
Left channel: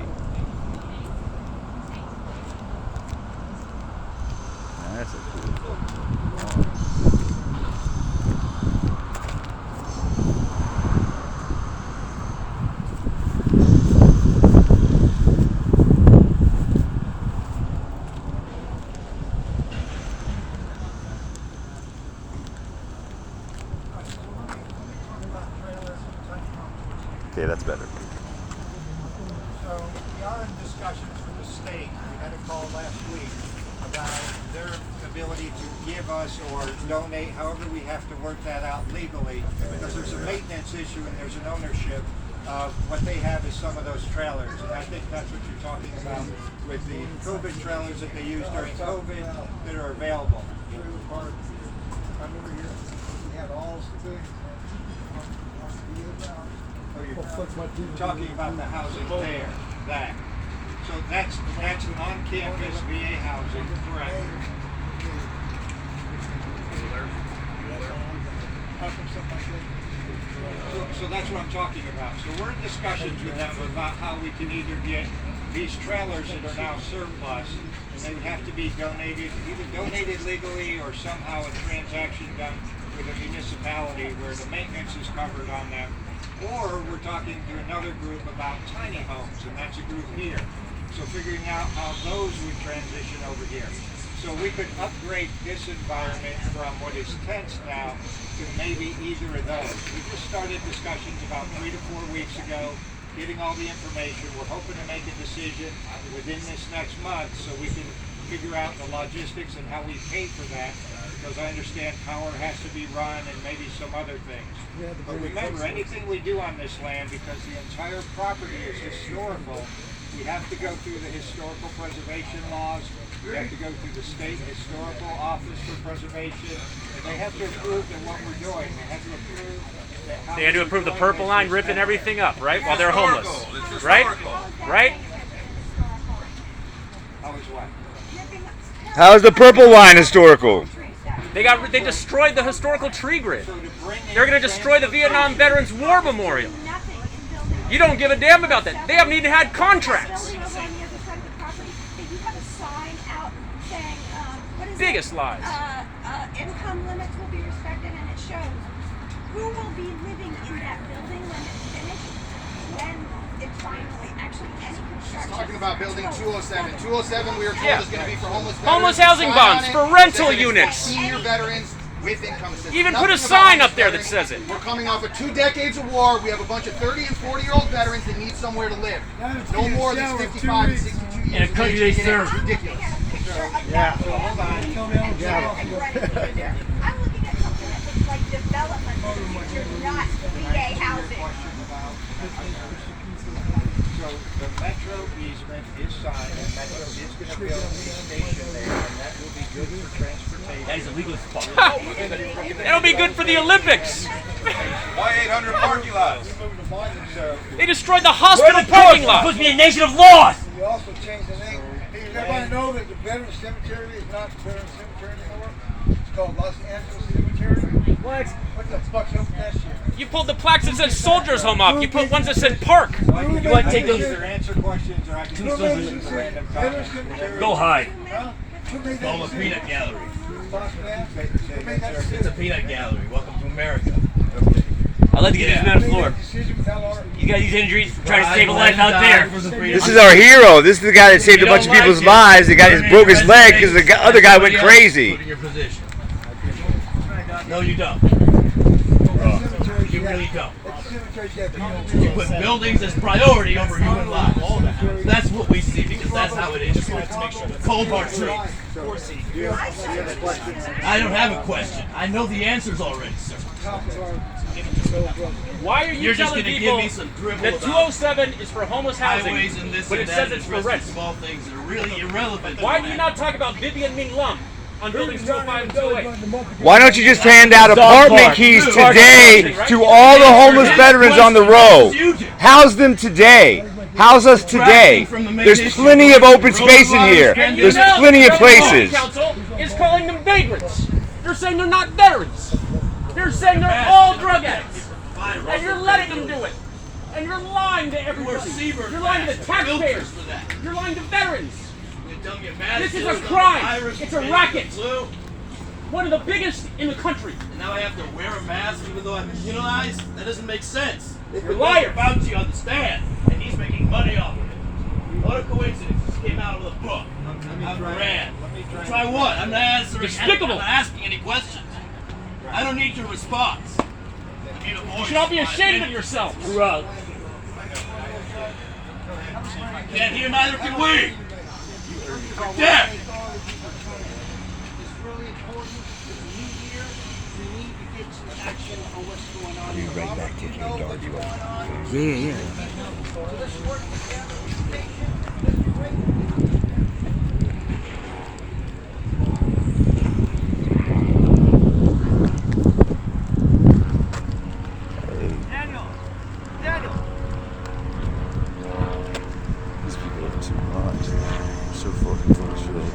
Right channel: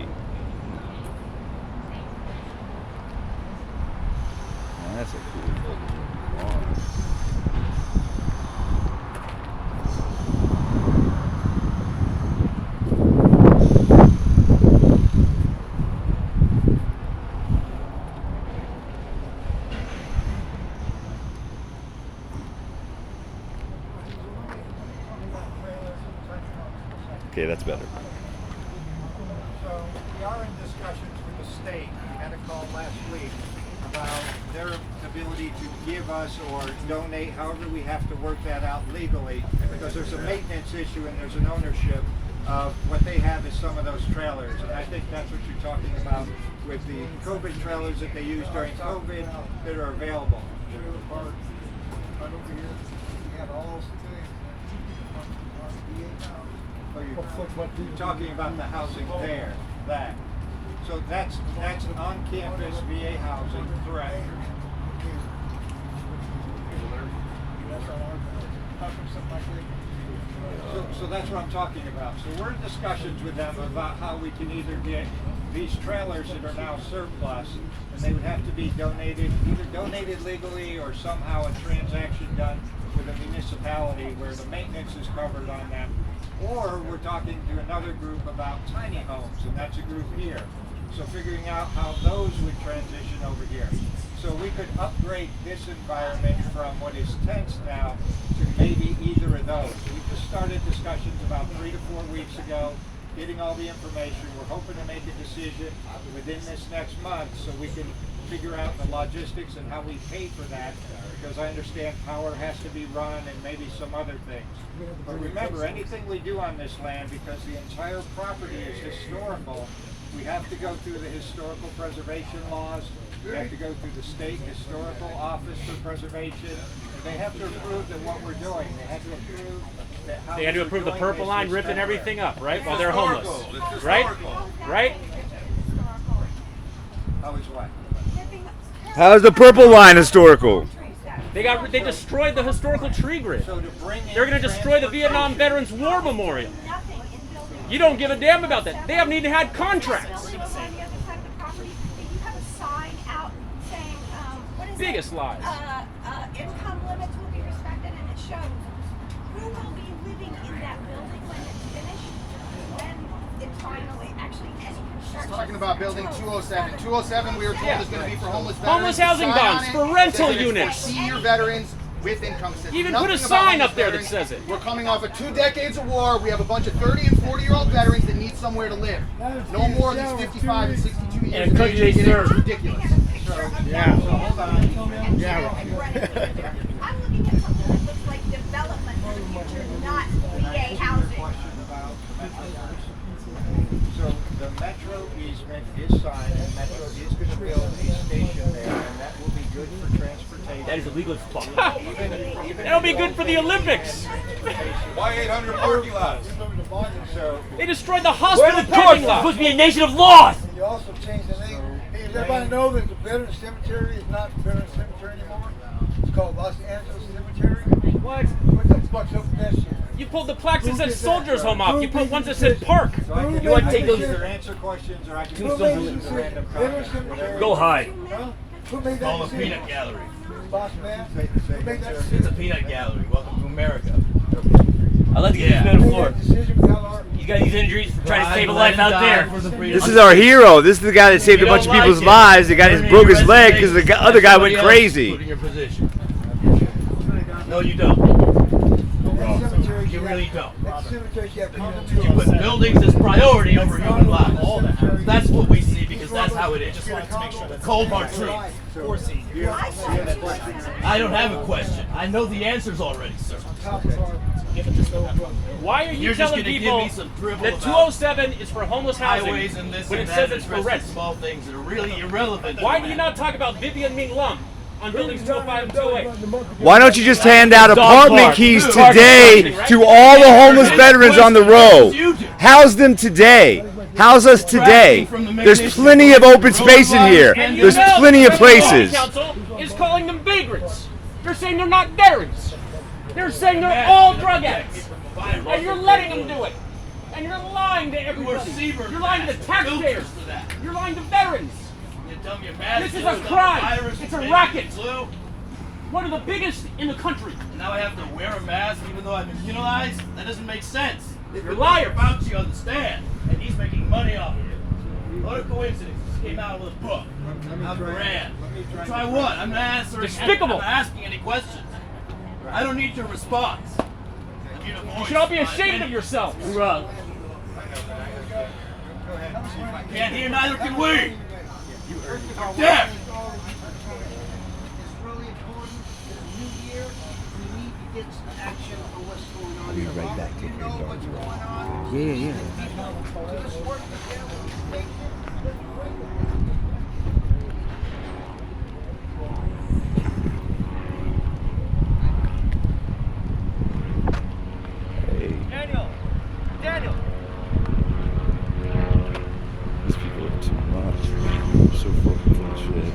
That's a cool fucking car. Okay, that's better. So we are in discussions with the state. We had a call last week about their ability to give us or donate, however we have to work that out legally, because there's a maintenance issue and there's an ownership of what they have is some of those trailers. And I think that's what you're talking about with the COVID trailers that they used during COVID that are available. Over here, we have all civilians. Oh, you're talking about the housing there, that. So that's on-campus VA housing, correct? How come something like this? So that's what I'm talking about. So we're in discussions with them about how we can either get these trailers that are now surplus, and they would have to be donated, either donated legally or somehow a transaction done with a municipality where the maintenance is covered on them. Or we're talking to another group about tiny homes, and that's a group here. So figuring out how those would transition over here. So we could upgrade this environment from what is tents now to maybe either of those. We just started discussions about 3 to 4 weeks ago, getting all the information. We're hoping to make a decision within this next month so we can figure out the logistics and how we pay for that, because I understand power has to be run and maybe some other things. But remember, anything we do on this land, because the entire property is historical, we have to go through the historical preservation laws. We have to go through the state historical office for preservation. And they have to approve that what we're doing. They have to approve that how They had to we're approve the doing purple is line, ripping respected. everything up, right? Yeah. While they're homeless, right? Right? How is what? How's the purple line historical? They destroyed the historical tree grid. So to bring in They're going to destroy the Vietnam Veterans War Memorial. You don't give a damn about that. They haven't even had contracts. Going over on the other side of the property, that you have a sign out saying, what is Biggest it? lies. Income limits will be respected, and it shows who will be living in that building when it's finished, when it's finally actually any construction. Talking about building 207. 207, we were told Yeah. is going to be for homeless veterans. Homeless housing Sign on bonds it, for says rental it's for units. Senior veterans with income assistance. Even put a Nothing about sign homeless up there that veterans. says it. We're coming off of 2 decades of war. We have a bunch of 30 and 40-year-old veterans that need somewhere to live. No more than 55 and 62 years And of country age. they It's serve. ridiculous. I'm looking at something that looks like development for the future, not VA housing. So the Metro easement is signed, and Metro is going to build a station there, and that will be good for transportation. That is illegal as fuck. It'll be good for the Olympics. Why 800 parking lots? So They destroyed the hospital parking It's lot. supposed to be a nation of laws. We also changed the name. Hey, does everybody know that the Veteran Cemetery is not Veteran Cemetery anymore? It's called Los Angeles Cemetery. What? What the fuck's up with that shit? You pulled the plaques that said Soldiers Home up. You put ones that said Park. I can You want to take those- either answer questions or I can Who just made listen the to random Veteran comments. Cemetery? Go hide. Huh? Who made that Call the decision? peanut gallery. Boss man? Say Who made that, that sir. It's a decision? peanut gallery. Welcome to America. I'd like to get Yeah. these men on the Who floor. made that decision without our... You got these injuries, trying to save a life out there. This is our hero. This is the guy that saved a bunch of people's lives. The guy that broke his leg because the other guy went Put crazy. in your position. No, you don't. That cemetery's You got- really don't. That cemetery's got people You put buildings as priority over human lives. That's what we see because that's how it is. Cold hard truth. I don't have a question. I know the answers already, sir. Why are you You're just telling gonna give people me some dribble that about 207 is for homeless housing, highways and this but it and that, says it's for addressing rent? small things that are really irrelevant. Why do you not talk about Vivian Ming Lum on buildings 205 and 208? Why don't you just hand out apartment keys today to all the homeless veterans on the row? House them today. House us today. There's plenty of open space in here. And you There's know plenty of the Federal places. Council is calling them vagrants. They're saying they're not veterans. They're saying they're all drug addicts. And you're letting them do it. And you're lying to everybody. You're lying to the taxpayers. You're lying to veterans. This is a crime. It's a racket. One of the biggest in the country. And now I have to wear a mask even though I'm immunized? That doesn't make sense. You're a liar. Fauci on the stand, and he's making money off of it. What a coincidence. This came out of the book. I'm Iran. Try what? I'm not answering. Despicable. I'm not asking any questions. I don't need your response. You should all be ashamed of yourselves. Right. Can't hear, neither can we. Yeah. Right back to your dark road. Yeah. Daniel. These people are too much. So fucking full of shit.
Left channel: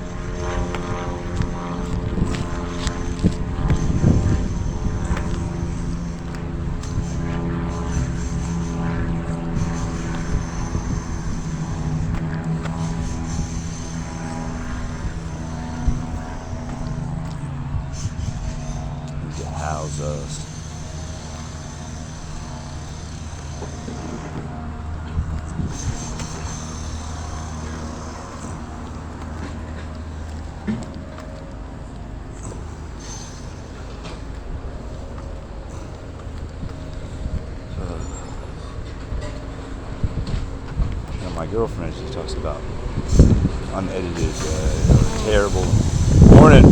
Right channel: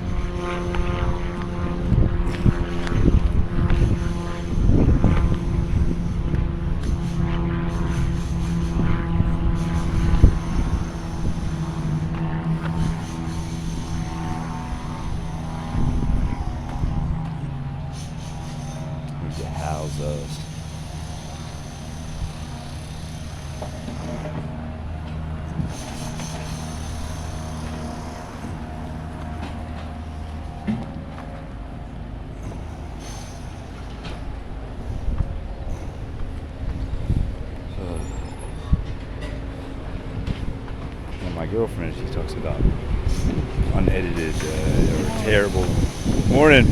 Wowzers. And my girlfriend, she talks about unedited, terrible morning.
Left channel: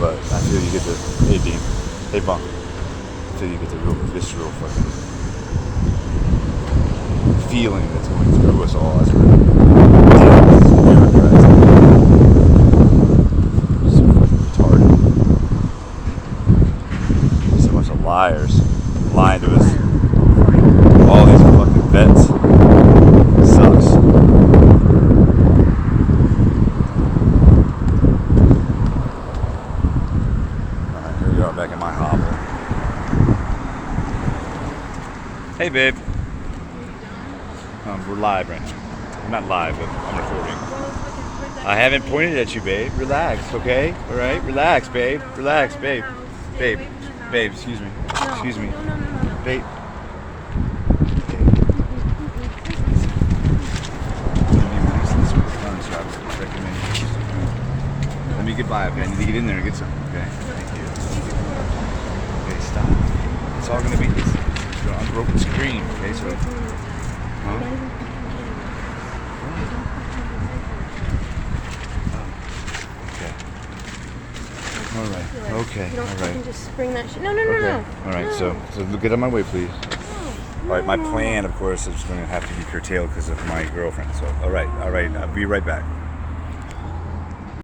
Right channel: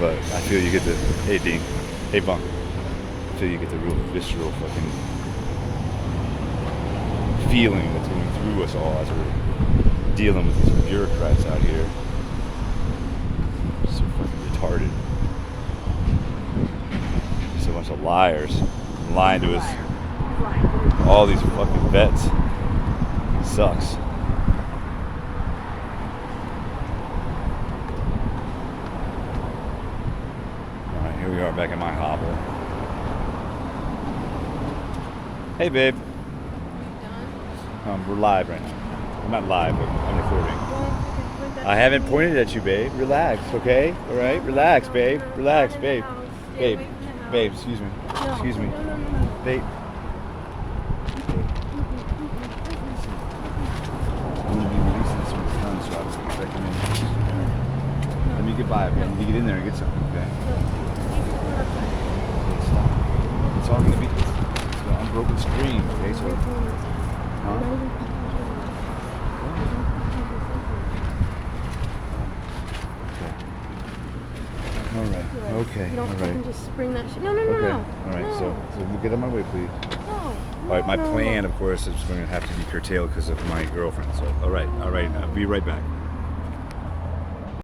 But I feel you get the, hey Dean, hey Bunk, I feel you get the real visceral fucking feeling that's going through us all as we're dealing with these bureaucrats. So fucking retarded. There's a bunch of liars lying to us. All these fucking vets. It sucks. Here we are back in my hovel. Hey, babe. We're live right now. I'm not live, but I'm recording. I haven't pointed at you, babe. Relax, okay? All right? Relax, babe. Relax, babe. Babe. Babe, excuse me. Excuse me. Babe. I'm going to be releasing this with gun, so I was recommending you. Let me get by, okay? I need to get in there and get something, okay? Thank you. Okay, stop. It's all going to be this unbroken screen, okay? So, huh? Okay. All right. Okay. You don't All fucking right. just spring that shit. No, no, no, Okay. no. All right. No. So get on my way, please. No. All right. My plan, of course, is going to have to be curtailed because of my girlfriend. So, all right. I'll be right back.